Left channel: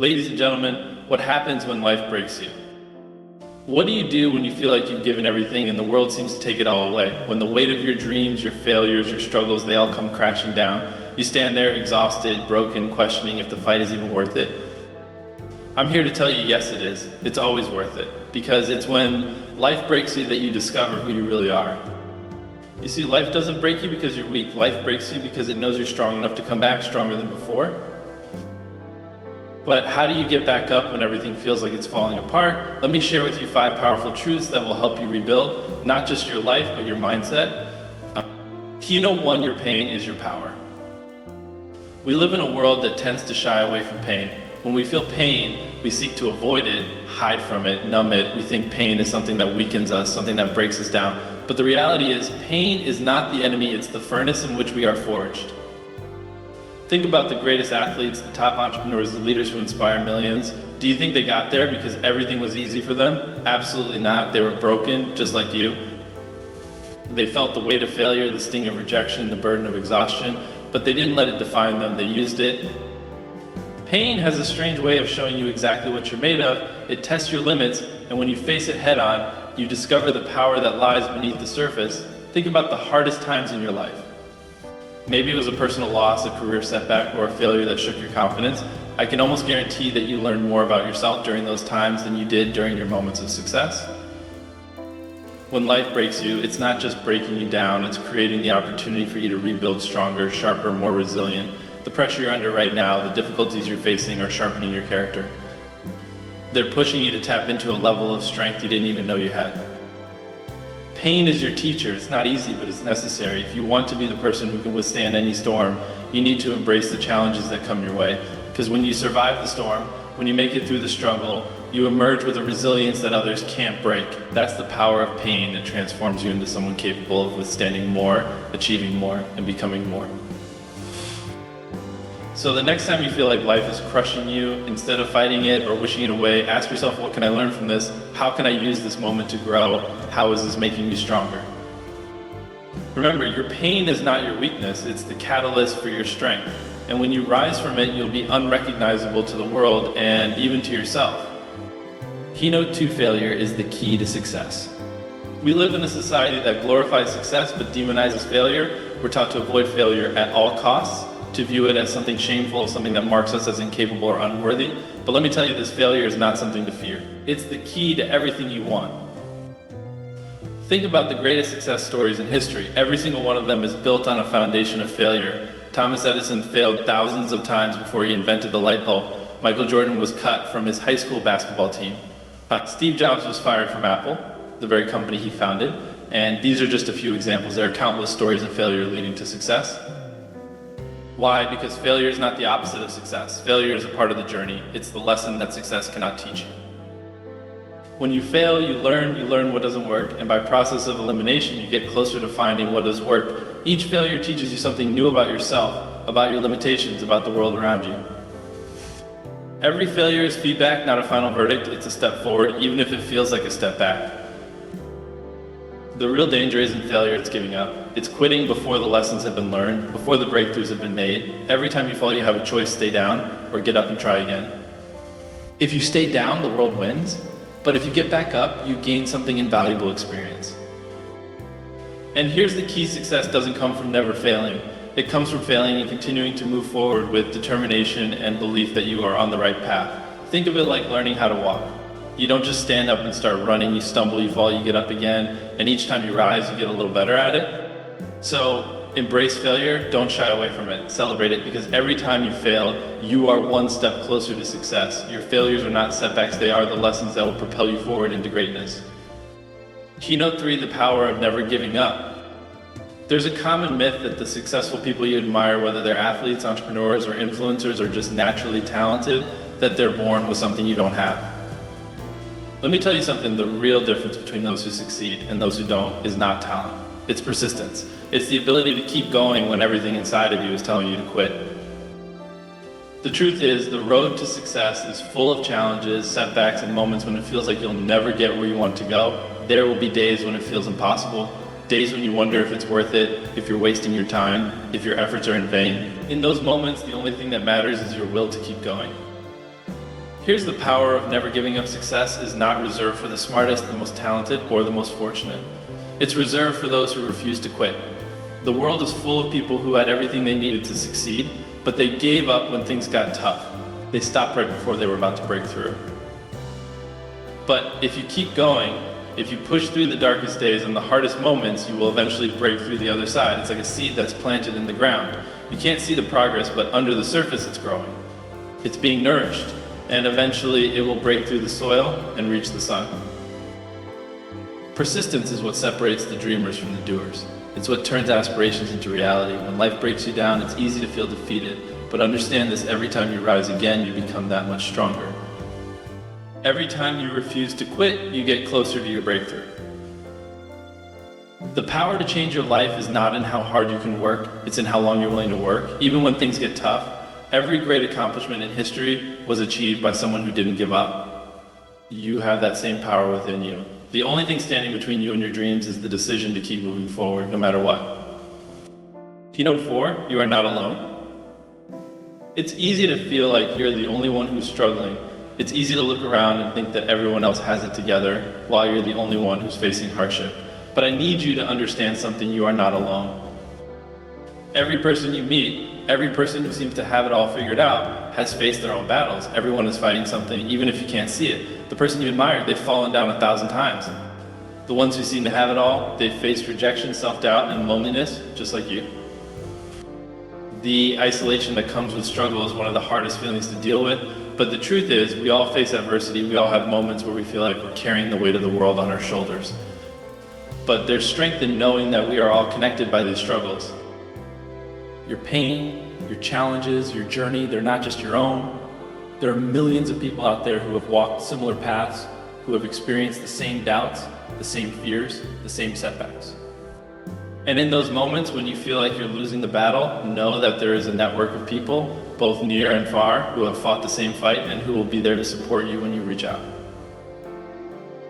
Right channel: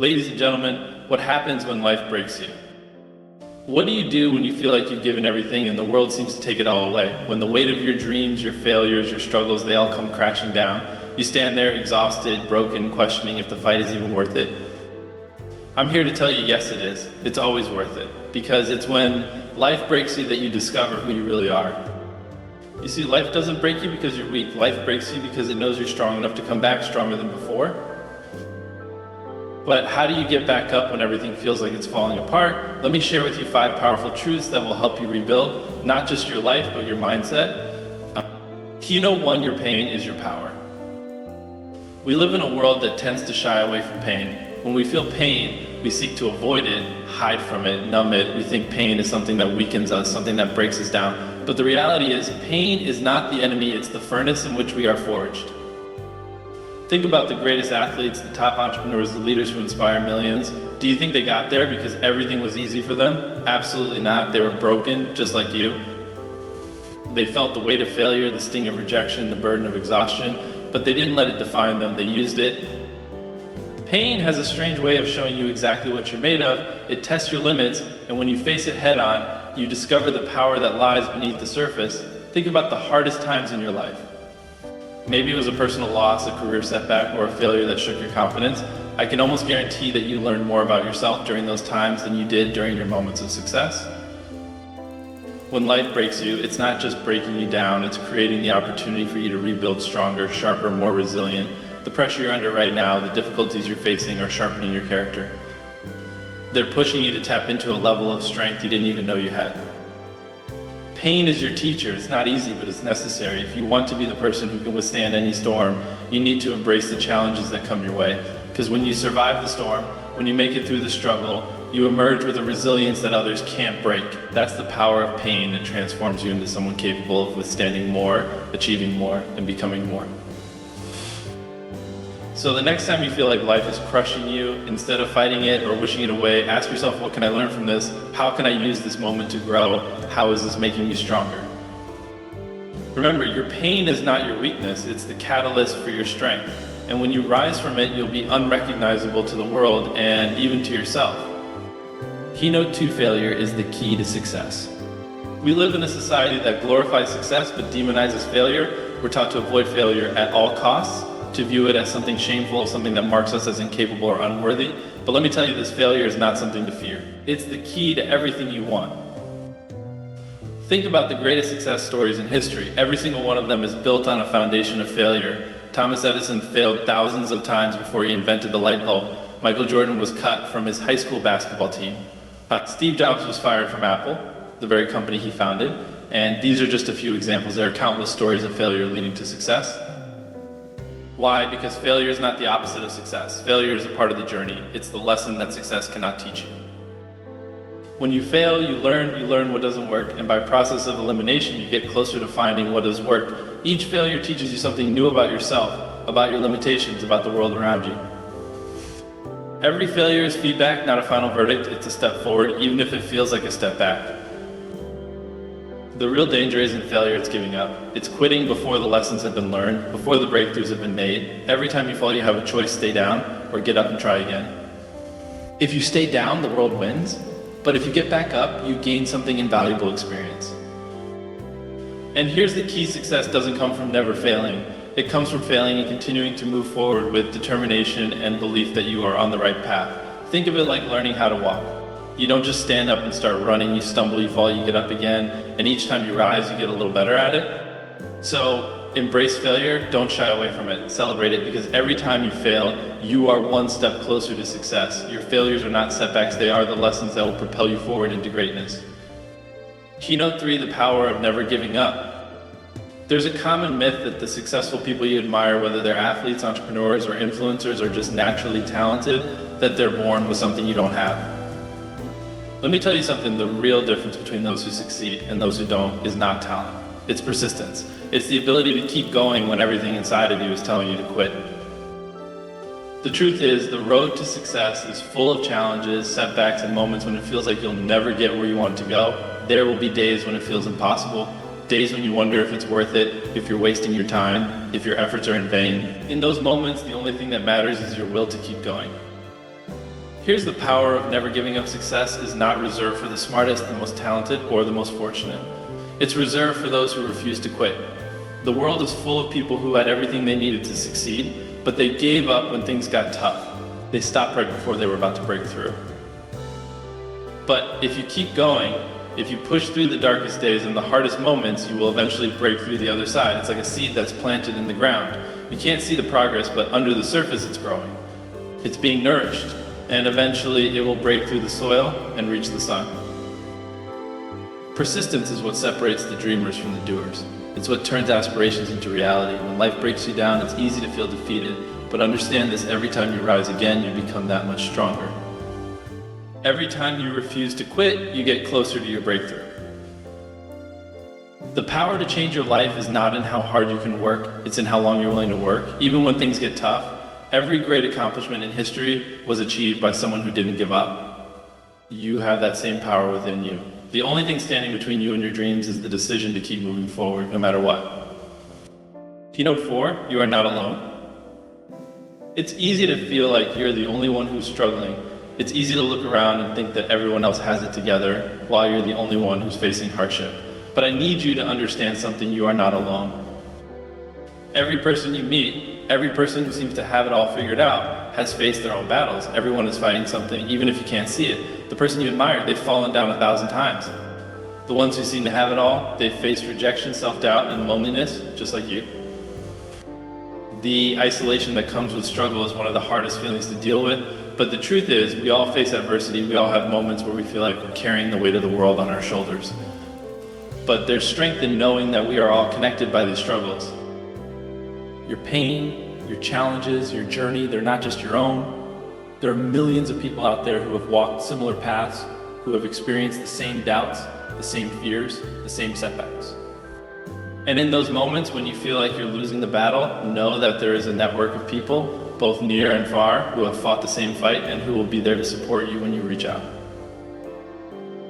Ladies and gentlemen, what happens when life breaks you? What do you do when you feel like you've given everything and the world seems to take it all away? When the weight of your dreams, your failures, your struggles, they all come crashing down. You stand there exhausted, broken, questioning if the fight is even worth it. I'm here to tell you, yes it is. It's always worth it. Because it's when life breaks you that you discover who you really are. You see, life doesn't break you because you're weak. Life breaks you because it knows you're strong enough to come back stronger than before. But how do you get back up when everything feels like it's falling apart? Let me share with you 5 powerful truths that will help you rebuild, not just your life, but your mindset. One, your pain is your power. We live in a world that tends to shy away from pain. When we feel pain, we seek to avoid it, hide from it, numb it. We think pain is something that weakens us, something that breaks us down. But the reality is, pain is not the enemy, it's the furnace in which we are forged. Think about the greatest athletes, the top entrepreneurs, the leaders who inspire millions. Do you think they got there because everything was easy for them? Absolutely not. They were broken, just like you. They felt the weight of failure, the sting of rejection, the burden of exhaustion, but they didn't let it define them. They used it. Pain has a strange way of showing you exactly what you're made of. It tests your limits, and when you face it head on, you discover the power that lies beneath the surface. Think about the hardest times in your life. Maybe it was a personal loss, a career setback, or a failure that shook your confidence. I can almost guarantee that you learned more about yourself during those times than you did during your moments of success. When life breaks you, it's not just breaking you down, it's creating the opportunity for you to rebuild stronger, sharper, more resilient. The pressure you're under right now, the difficulties you're facing are sharpening your character. They're pushing you to tap into a level of strength you didn't even know you had. Pain is your teacher. It's not easy, but it's necessary. If you want to be the person who can withstand any storm, you need to embrace the challenges that come your way. Because when you survive the storm, when you make it through the struggle, you emerge with a resilience that others can't break. That's the power of pain that transforms you into someone capable of withstanding more, achieving more, and becoming more. So the next time you feel like life is crushing you, instead of fighting it or wishing it away, ask yourself, what can I learn from this? How can I use this moment to grow? How is this making you stronger? Remember, your pain is not your weakness, it's the catalyst for your strength. And when you rise from it, you'll be unrecognizable to the world and even to yourself. Keynote 2 failure is the key to success. We live in a society that glorifies success but demonizes failure. We're taught to avoid failure at all costs, to view it as something shameful, something that marks us as incapable or unworthy. But let me tell you that failure is not something to fear. It's the key to everything you want. Think about the greatest success stories in history. Every single one of them is built on a foundation of failure. Thomas Edison failed thousands of times before he invented the light bulb. Michael Jordan was cut from his high school basketball team. Steve Jobs was fired from Apple, the very company he founded. And these are just a few examples. There are countless stories of failure leading to success. Why? Because failure is not the opposite of success. Failure is a part of the journey. It's the lesson that success cannot teach you. When you fail, you learn what doesn't work, and by process of elimination, you get closer to finding what does work. Each failure teaches you something new about yourself, about your limitations, about the world around you. Every failure is feedback, not a final verdict. It's a step forward, even if it feels like a step back. The real danger isn't failure, it's giving up. It's quitting before the lessons have been learned, before the breakthroughs have been made. Every time you fall, you have a choice: stay down or get up and try again. If you stay down, the world wins. But if you get back up, you gain something invaluable: experience. And here's the key: success doesn't come from never failing. It comes from failing and continuing to move forward with determination and belief that you are on the right path. Think of it like learning how to walk. You don't just stand up and start running, you stumble, you fall, you get up again, and each time you rise, you get a little better at it. So embrace failure, don't shy away from it, celebrate it, because every time you fail, you are one step closer to success. Your failures are not setbacks, they are the lessons that will propel you forward into greatness. Keynote 3, the power of never giving up. There's a common myth that the successful people you admire, whether they're athletes, entrepreneurs, or influencers, are just naturally talented, that they're born with something you don't have. Let me tell you something, the real difference between those who succeed and those who don't is not talent. It's persistence. It's the ability to keep going when everything inside of you is telling you to quit. The truth is, the road to success is full of challenges, setbacks, and moments when it feels like you'll never get where you want to go. There will be days when it feels impossible, days when you wonder if it's worth it, if you're wasting your time, if your efforts are in vain. In those moments, the only thing that matters is your will to keep going. Here's the power of never giving up. Success is not reserved for the smartest, the most talented, or the most fortunate. It's reserved for those who refuse to quit. The world is full of people who had everything they needed to succeed, but they gave up when things got tough. They stopped right before they were about to break through. But if you keep going, if you push through the darkest days and the hardest moments, you will eventually break through the other side. It's like a seed that's planted in the ground. You can't see the progress, but under the surface it's growing. It's being nourished, and eventually it will break through the soil and reach the sun. Persistence is what separates the dreamers from the doers. It's what turns aspirations into reality. When life breaks you down, it's easy to feel defeated, but understand this: every time you rise again, you become that much stronger. Every time you refuse to quit, you get closer to your breakthrough. The power to change your life is not in how hard you can work, it's in how long you're willing to work. Even when things get tough, every great accomplishment in history was achieved by someone who didn't give up. You have that same power within you. The only thing standing between you and your dreams is the decision to keep moving forward no matter what. Keynote 4, you are not alone. It's easy to feel like you're the only one who's struggling. It's easy to look around and think that everyone else has it together while you're the only one who's facing hardship. But I need you to understand something: you are not alone. Every person you meet, every person who seems to have it all figured out, has faced their own battles. Everyone is fighting something, even if you can't see it. The person you admire, they've fallen down 1,000 times. The ones who seem to have it all, they've faced rejection, self-doubt, and loneliness, just like you. The isolation that comes with struggle is one of the hardest feelings to deal with, but the truth is, we all face adversity. We all have moments where we feel like we're carrying the weight of the world on our shoulders. But there's strength in knowing that we are all connected by these struggles. Your pain, your challenges, your journey, they're not just your own. There are millions of people out there who have walked similar paths, who have experienced the same doubts, the same fears, the same setbacks. And in those moments when you feel like you're losing the battle, know that there is a network of people, both near and far, who have fought the same fight and who will be there to support you when you reach out.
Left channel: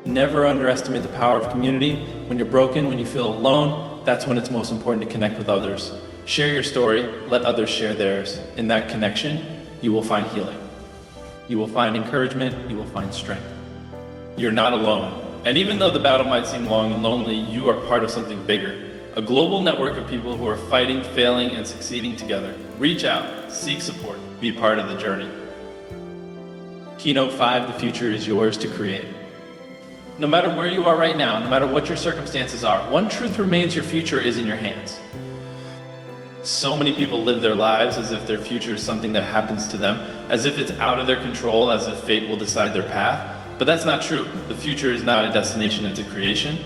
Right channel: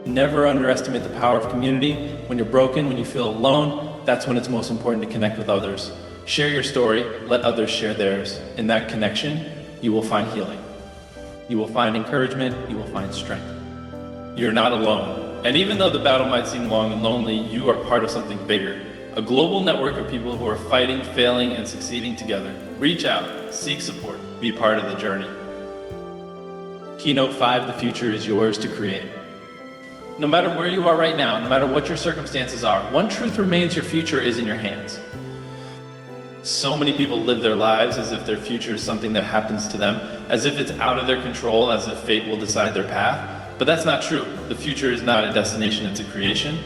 Never underestimate the power of community. When you're broken, when you feel alone, that's when it's most important to connect with others. Share your story, let others share theirs. In that connection, you will find healing. You will find encouragement, you will find strength. You're not alone. And even though the battle might seem long and lonely, you are part of something bigger. A global network of people who are fighting, failing, and succeeding together. Reach out, seek support, be part of the journey. Keynote 5, the future is yours to create. No matter where you are right now, no matter what your circumstances are, one truth remains: your future is in your hands. So many people live their lives as if their future is something that happens to them, as if it's out of their control, as if fate will decide their path. But that's not true. The future is not a destination, it's a creation.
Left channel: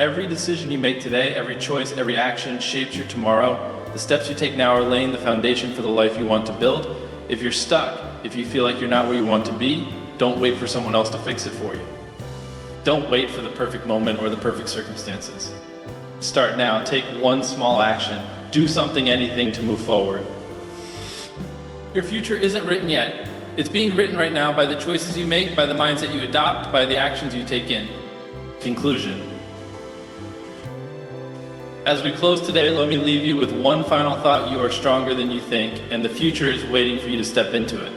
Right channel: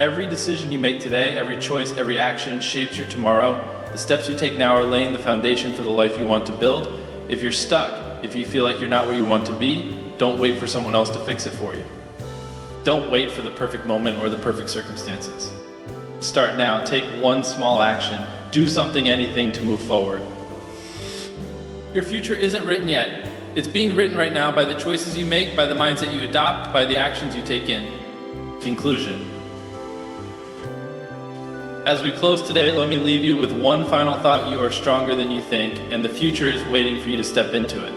Every decision you make today, every choice, every action shapes your tomorrow. The steps you take now are laying the foundation for the life you want to build. If you're stuck, if you feel like you're not where you want to be, don't wait for someone else to fix it for you. Don't wait for the perfect moment or the perfect circumstances. Start now, take one small action, do something, anything to move forward. Your future isn't written yet. It's being written right now by the choices you make, by the mindset you adopt, by the actions you take in. Conclusion. As we close today, let me leave you with one final thought: you are stronger than you think, and the future is waiting for you to step into it.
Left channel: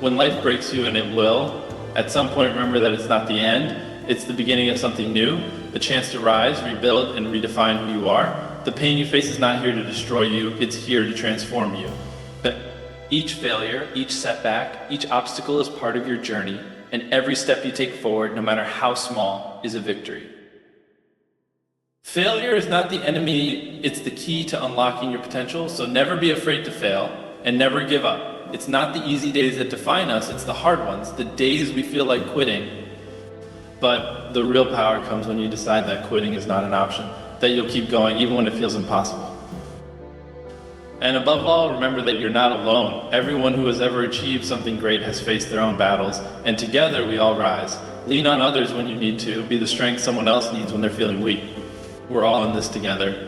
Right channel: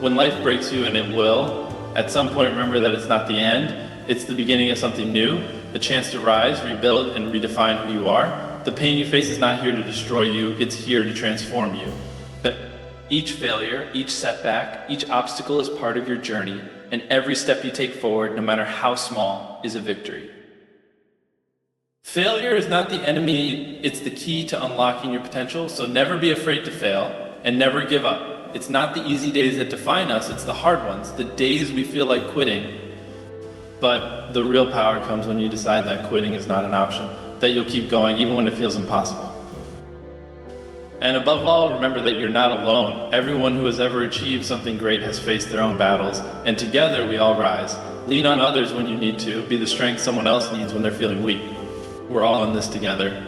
When life breaks you, and it will, at some point remember that it's not the end, it's the beginning of something new, a chance to rise, rebuild, and redefine who you are. The pain you face is not here to destroy you, it's here to transform you. But each failure, each setback, each obstacle is part of your journey, and every step you take forward, no matter how small, is a victory. Failure is not the enemy, it's the key to unlocking your potential, so never be afraid to fail, and never give up. It's not the easy days that define us, it's the hard ones, the days we feel like quitting. But the real power comes when you decide that quitting is not an option, that you'll keep going even when it feels impossible. And above all, remember that you're not alone. Everyone who has ever achieved something great has faced their own battles, and together we all rise. Lean on others when you need to, be the strength someone else needs when they're feeling weak. We're all in this together.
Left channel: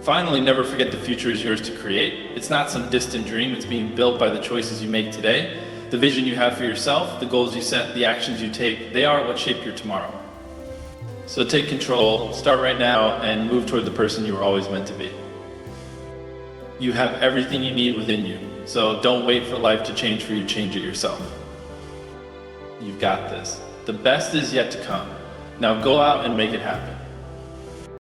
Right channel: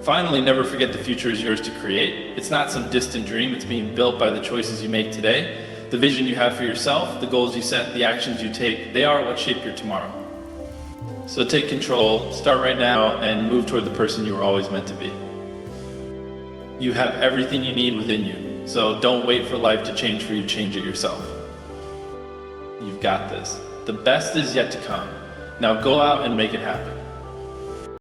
Finally, never forget the future is yours to create. It's not some distant dream, it's being built by the choices you make today. The vision you have for yourself, the goals you set, the actions you take, they are what shape your tomorrow. So take control, start right now, and move toward the person you were always meant to be. You have everything you need within you. So don't wait for life to change for you, change it yourself. You've got this. The best is yet to come. Now go out and make it happen.